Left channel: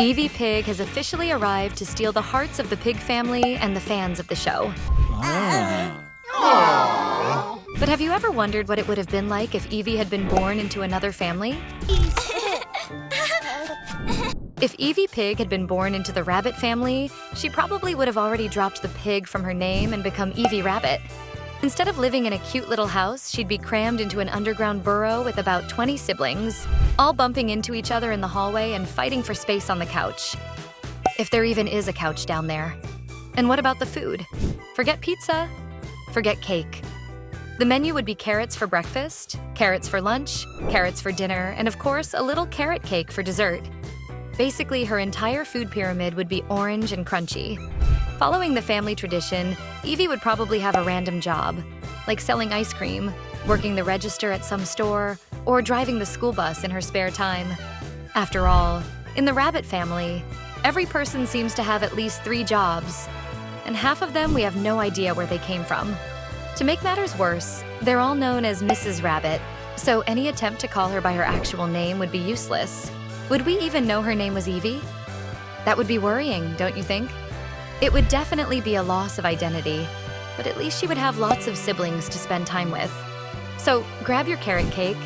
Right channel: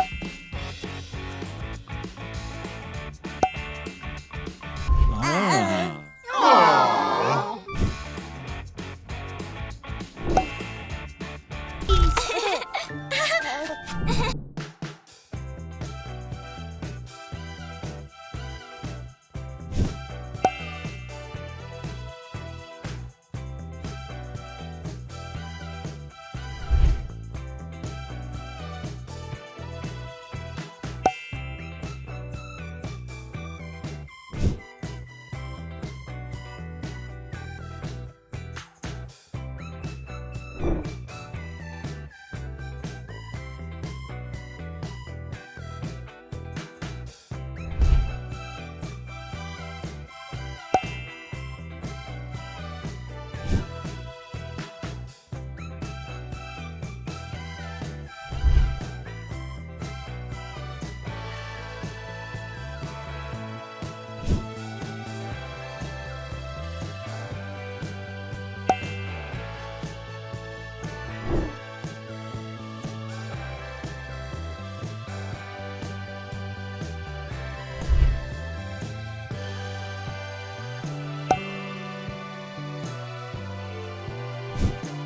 Eevee Pig has officially arrived to steal the hearts of the pig family and the fans of the show. But have you ever wondered what it would have been like if Eevee had been born into another family? If Eevee Pig had been born into the rabbit family, she probably would have already dropped the pig from her name and become Eevee Rabbit. Instead of living in a cute little house, she'd be crammed into an underground burrow with about 20 siblings, all bumping into each other in the hallway and fighting for space on the couch. If there even is a couch down there. And what about the food? Forget pizza. Forget cake. The menu would be carrots for breakfast, carrots for lunch, carrots for dinner, and of course, a little carrot cake for dessert. Basically, her entire food pyramid would be orange and crunchy. Following the family tradition, Eevee would probably have a random job, like selling ice cream, working the register at some store, or driving the school bus in her spare time. After all, in the rabbit family, every person seems to have at least 3 jobs, and half of them we have no idea where they came from. To make matters worse, they're all known as Mrs. Rabbit, so any attempt to call her by her actual name would be useless. Would we even know her name was Eevee? That would be worrying, don't you think? It would definitely be a loss of identity, but at least she would have lots of siblings to spend time with. So grab your carrot cake,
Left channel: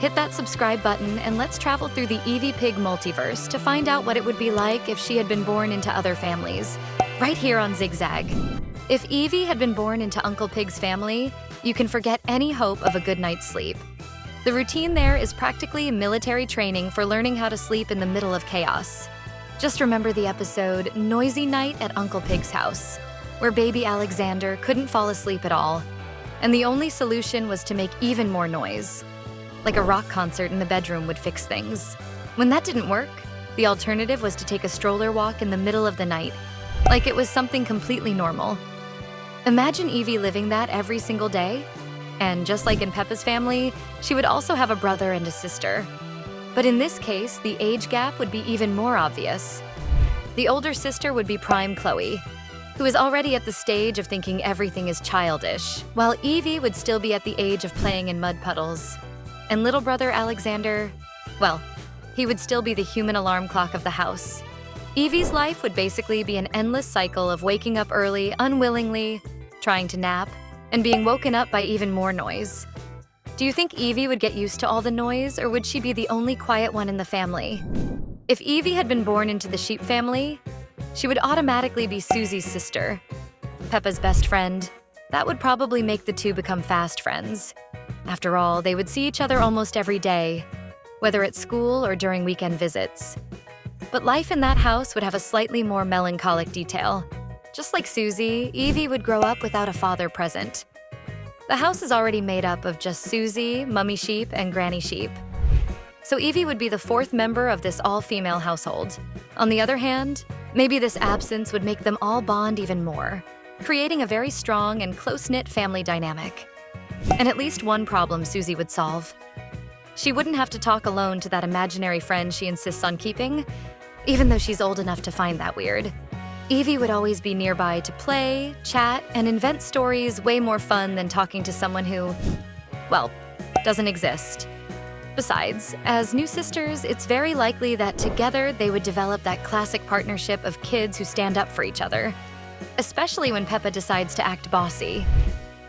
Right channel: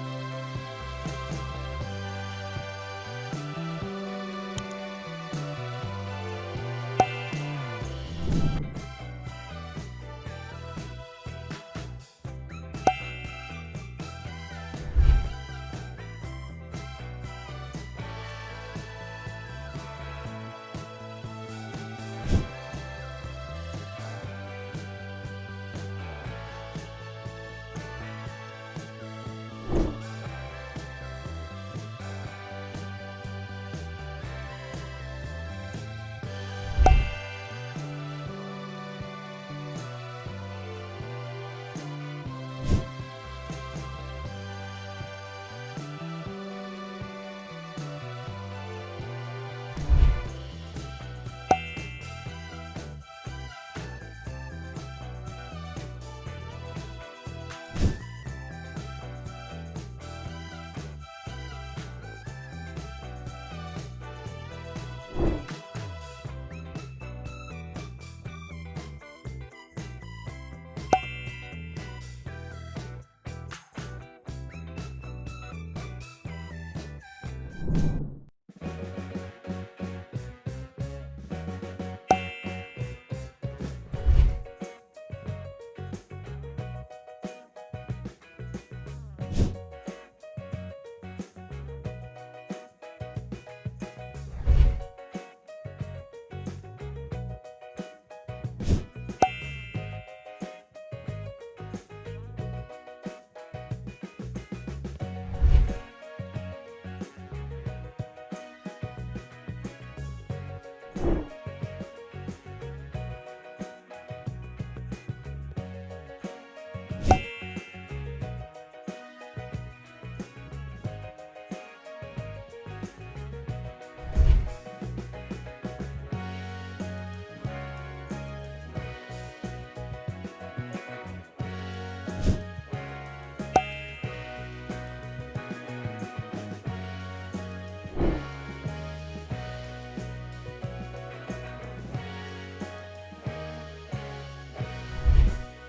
hit that subscribe button, and let's travel through the Eevee Pig multiverse to find out what it would be like if she had been born into other families, right here on Zigzag. If Eevee had been born into Uncle Pig's family, you can forget any hope of a good night's sleep. The routine there is practically military training for learning how to sleep in the middle of chaos. Just remember the episode Noisy Night at Uncle Pig's House, where baby Alexander couldn't fall asleep at all, and the only solution was to make even more noise. Like a rock concert in the bedroom would fix things. When that didn't work, the alternative was to take a stroller walk in the middle of the night, like it was something completely normal. Imagine Eevee living that every single day. And just like in Peppa's family, she would also have a brother and a sister. But in this case, the age gap would be even more obvious. The older sister would be prime Chloe, who is already at the stage of thinking everything is childish, while Eevee would still be at the age of playing in mud puddles. And little brother Alexander, well, he would still be the human alarm clock of the house. Eevee's life would basically be an endless cycle of waking up early, unwillingly, trying to nap, and being woken up by even more noise. Do you think Eevee would get used to all the noise, or would she be the only quiet one in the family? If Eevee had been born into the sheep family, she would automatically be Susie's sister, Peppa's best friend. That would probably make the two become fast friends. After all, they would see each other almost every day, whether at school or during weekend visits. But life in that house would have a slightly more melancholic detail. Just like Susie, Eevee would grow up without a father present. The house is already made up of just Susie, Mummy Sheep, and Granny Sheep. So Eevee would be the 4th member of this all-female household. On the other hand, maybe this absence would make them all bond even more, creating a very strong and close-knit family dynamic. And at least one problem Susie would solve. She wouldn't have to talk alone to that imaginary friend she insists on keeping, even though she's old enough to find that weird. Eevee would always be nearby to play, chat, and invent stories way more fun than talking to someone who, well, doesn't exist. Besides, as new sisters, it's very likely that together they would develop that classic partnership of kids who stand up for each other, especially when Peppa decides to act bossy.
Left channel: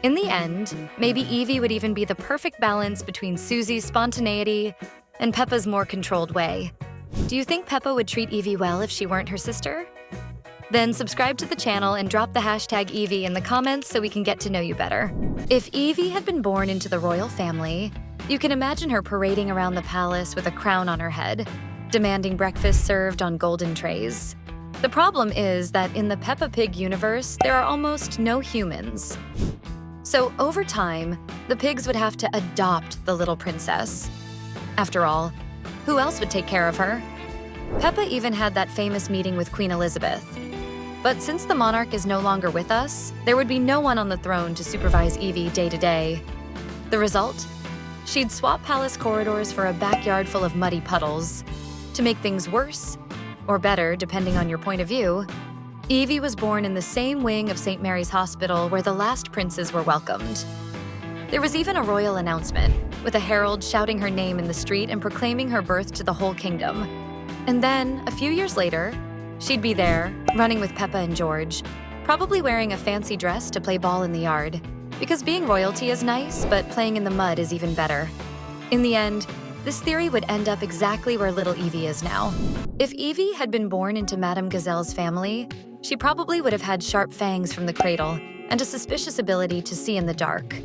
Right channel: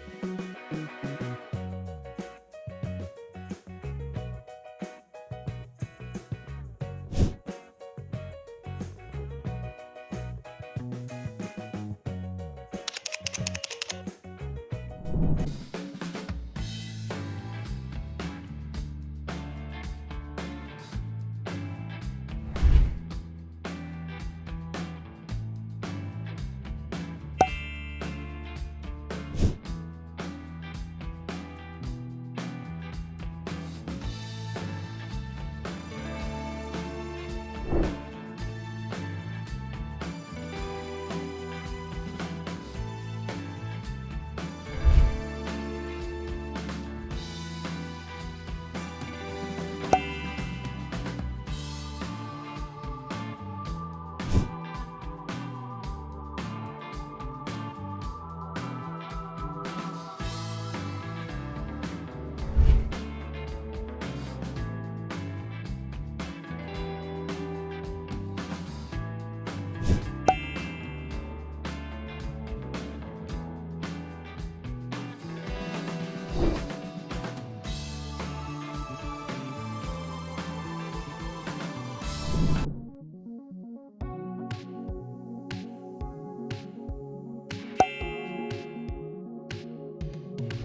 In the end, maybe Eevee would even be the perfect balance between Susie's spontaneity and Peppa's more controlled way. Do you think Peppa would treat Eevee well if she weren't her sister? Then subscribe to the channel and drop the hashtag Eevee in the comments so we can get to know you better. If Eevee had been born into the royal family, you can imagine her parading around the palace with a crown on her head, demanding breakfast served on golden trays. The problem is that in the Peppa Pig universe, there are almost no humans. So over time, the pigs would have to adopt the little princess. After all, who else would take care of her? Peppa even had that famous meeting with Queen Elizabeth. But since the monarch is no longer with us, there would be no one on the throne to supervise Eevee day to day. The result? She'd swap palace corridors for a backyard full of muddy puddles. To make things worse, or better depending on your point of view, Eevee was born in the same wing of St. Mary's Hospital where the last princes were welcomed. There was even a royal announcement, with a herald shouting her name in the street and proclaiming her birth to the whole kingdom. And then, a few years later, she'd be there, running with Peppa and George, probably wearing a fancy dress to play ball in the yard. Because being royalty is nice, but playing in the mud is even better. In the end, this theory would end up exactly where little Eevee is now. If Eevee had been born into Madame Gazelle's family, she probably would have had sharp fangs from the cradle and a suspicious ability to see in the dark.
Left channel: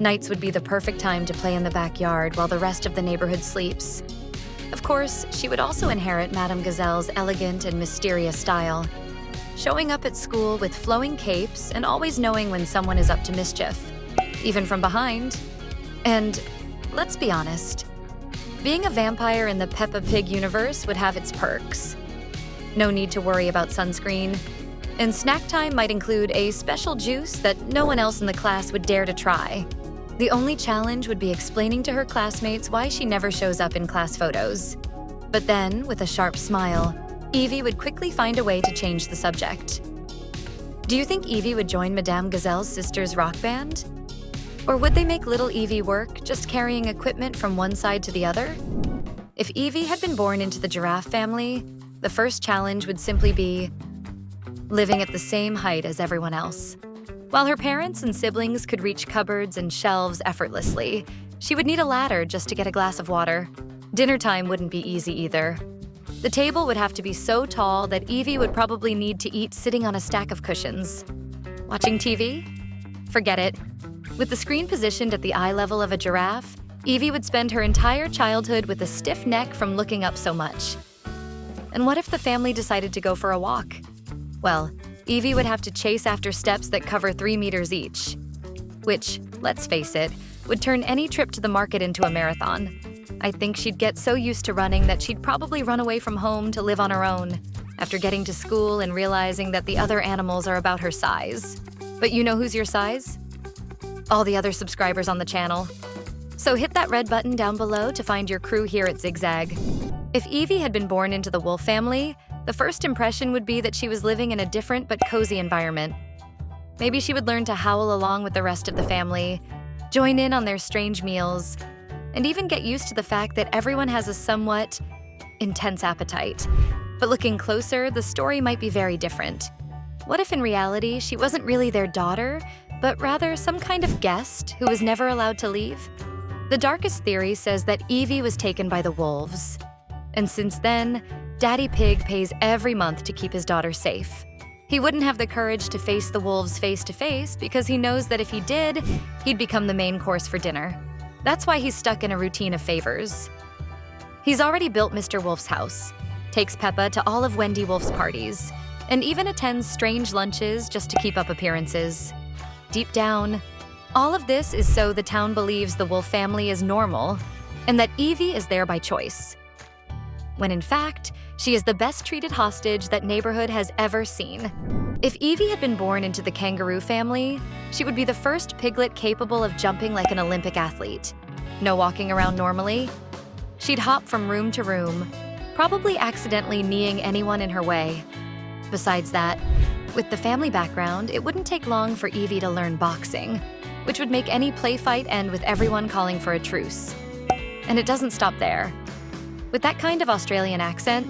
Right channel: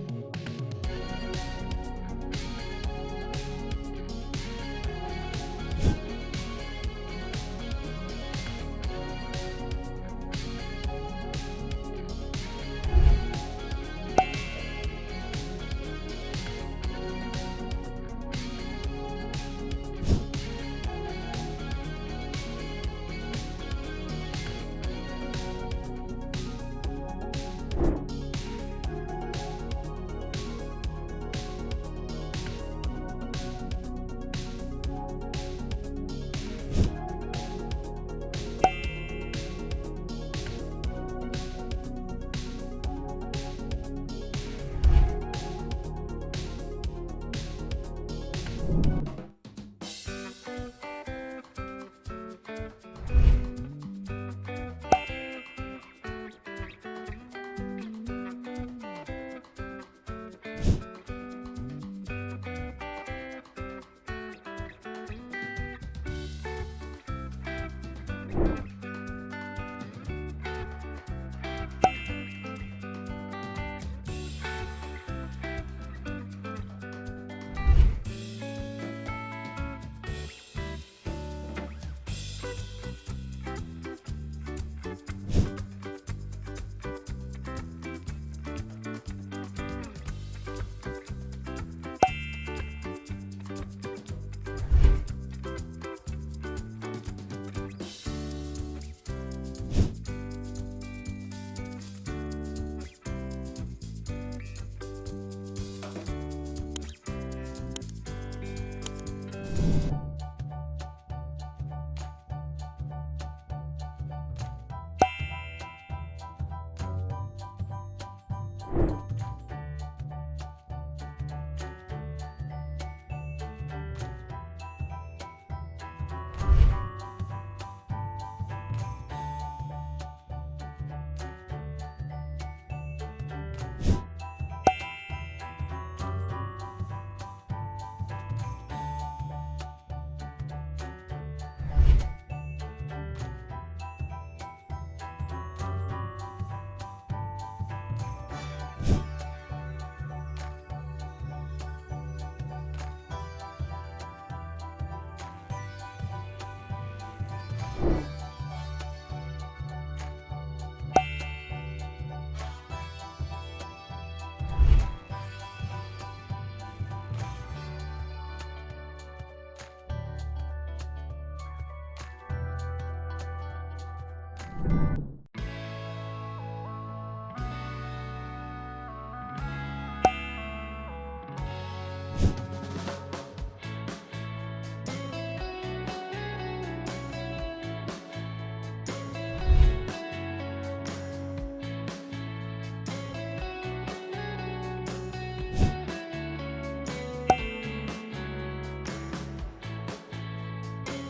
Nights would be the perfect time to play in the backyard while the rest of the neighborhood sleeps. Of course, she would also inherit Madame Gazelle's elegant and mysterious style, showing up at school with flowing capes and always knowing when someone is up to mischief, even from behind. And let's be honest, being a vampire in the Peppa Pig universe would have its perks. No need to worry about sunscreen, and snack time might include a special juice that no one else in the class would dare to try. The only challenge would be explaining to her classmates why she never shows up in class photos. But then, with a sharp smile, Eevee would quickly find a way to change the subject. Do you think Eevee would join Madame Gazelle's sister's rock band? Or would they make little Eevee work just carrying equipment from one side to the other? If Eevee had been born into the giraffe family, the first challenge would simply be living at the same height as everyone else. While her parents and siblings could reach cupboards and shelves effortlessly, she would need a ladder just to get a glass of water. Dinner time wouldn't be easy either. The table would have to be so tall that Eevee would probably need to eat sitting on a stack of cushions. Watching TV? Forget it. With the screen positioned at the eye level of a giraffe, Eevee would spend her entire childhood with a stiff neck from looking up so much. And what if the family decided to go for a walk? Well, Eevee would have to chase after steps that cover 3 meters each, which, let's face it, would turn any trip to the market into a marathon. I think she'd get so used to running that she'd probably run away from home to live on her own, after getting to school and realizing that the other animals are about her size. But you know who's your size? All the other subscribers on the channel. So hit that red button down below to find your crew here at Zigzag. If Eevee had been born into the wolf family, the first impression would be that she was living in a different but cozy environment. Maybe she would learn to howl along with the rest of the family, join in on their strange meals, and even get used to the fact that everyone has a somewhat intense appetite. But looking closer, the story might be very different. What if in reality she wasn't really their daughter, but rather some kind of guest who was never allowed to leave? The darkest theory says that Eevee was taken by the wolves. And since then, Daddy Pig pays every month to keep his daughter safe. He wouldn't have the courage to face the wolves face to face because he knows that if he did, he'd become the main course for dinner. That's why he's stuck in a routine of favors. He's already built Mr. Wolf's house, takes Peppa to all of Wendy Wolf's parties, and even attends strange lunches just to keep up appearances. Deep down, all of this is so the town believes the wolf family is normal and that Eevee is there by choice, when in fact, she is the best-treated hostage that neighborhood has ever seen. If Eevee had been born into the kangaroo family, she would be the first piglet capable of jumping like an Olympic athlete. No walking around normally. She'd hop from room to room, probably accidentally kneeing anyone in her way. Besides that, with the family background, it wouldn't take long for Eevee to learn boxing, which would make any play fight end with everyone calling for a truce. And it doesn't stop there. With that kind of Australian accent,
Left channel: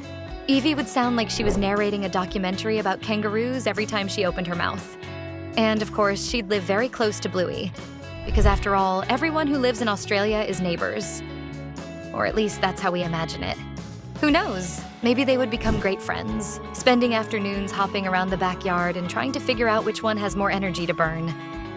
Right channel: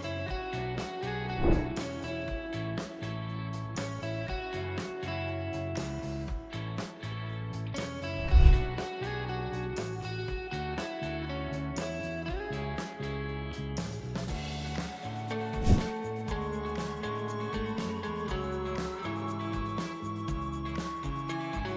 Eevee would sound like she was narrating a documentary about kangaroos every time she opened her mouth. And of course, she'd live very close to Bluey, because after all, everyone who lives in Australia is neighbors. Or at least that's how we imagine it. Who knows? Maybe they would become great friends, spending afternoons hopping around the backyard and trying to figure out which one has more energy to burn.